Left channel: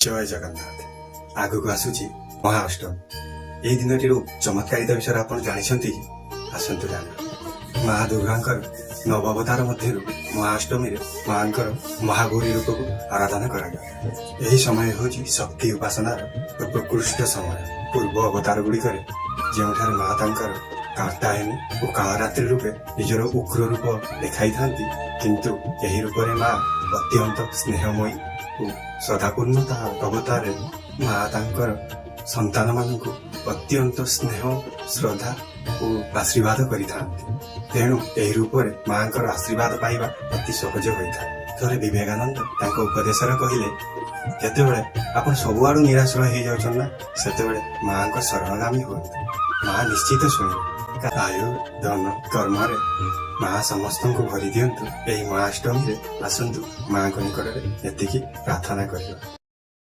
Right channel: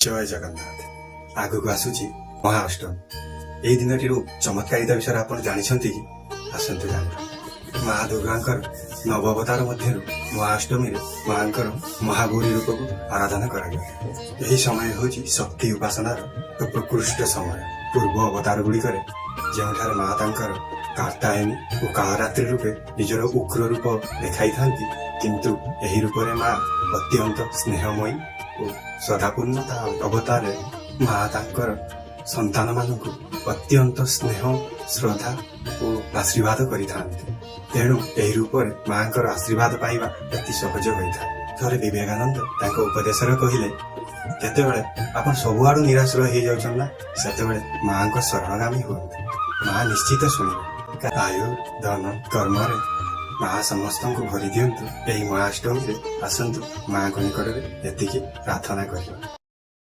ଜୟ ଜଗନ୍ନାଥ। ଆଗକୁ ଆସୁଛି ମହାଅଷ୍ଟମୀ। ଏହି ଦିନଟିର ଚମତ୍କାରିତା ବିଷୟରେ ଆପଣ ଜାଣିଛନ୍ତି କି? ଆସନ୍ତୁ ଜାଣିବା। ମା ଦୁର୍ଗାଙ୍କର ନବାବତାର ମଧ୍ୟରୁ ମହାଅଷ୍ଟମୀରେ ମାଙ୍କର ମହାଗୌରୀ ରୂପକୁ ଆରାଧନା କରାଯାଏ। ଏହି ସମୟ ହେଉଛି ଶକ୍ତି ଉପାସନାର ପ୍ରକୃଷ୍ଟ ସମୟ। ପୂର୍ବ ଅବତାର ଗୁଡ଼ିକରେ ଯେଉଁଠାରେ ମା ତାଙ୍କର କାତ୍ୟାୟନୀ ଓ କାଳରାତ୍ରି ରୂପେ ନିଜର ଉଗ୍ର ରୂପ ଦେଖାଇଥାନ୍ତି, କିନ୍ତୁ ଏହି ରୂପରେ ମା ଅତ୍ୟନ୍ତ ସ୍ନେହମୟୀ ଓ ସଦାପୂର୍ଣ୍ଣତା ଅବତାରରେ ମା ତାଙ୍କର ସନ୍ତାନମାନଙ୍କୁ ଅତ୍ୟନ୍ତ ସ୍ନେହ, ଶ୍ରଦ୍ଧା ଓ ଆଶୀର୍ବାଦ କରିଥାନ୍ତି। ତେଣୁ ଏହି ରୂପରେ ମାଙ୍କର ଆଶୀର୍ବାଦ ପାଇବା ଅତି ସହଜ ହୋଇଥାଏ। ଥରେ ବିବେକାନନ୍ଦ ତାଙ୍କ ଉପଦେଶରେ କହିଲେ, ଯେତେବେଳେ ଆପଣ ସବୁଆଡୁ ନିରାଶ ହେଇଯାଉଛନ୍ତି ନା, ସେତେବେଳେ ମାଙ୍କ ଶରଣଗାମୀ ହୁଅନ୍ତୁ। ମା ନିଶ୍ଚିତ ଶୁଣିବେ। ଆୟୁ, ଧନ, କର୍ମରେ ମା ସମସ୍ତଙ୍କୁ ଭରି ଦିଅନ୍ତୁ। ଏହି ମହାଅଷ୍ଟମୀରେ ଆସନ୍ତୁ ମାଙ୍କ ନିକଟରେ ଏତିକି ପ୍ରାର୍ଥନା କରିବା।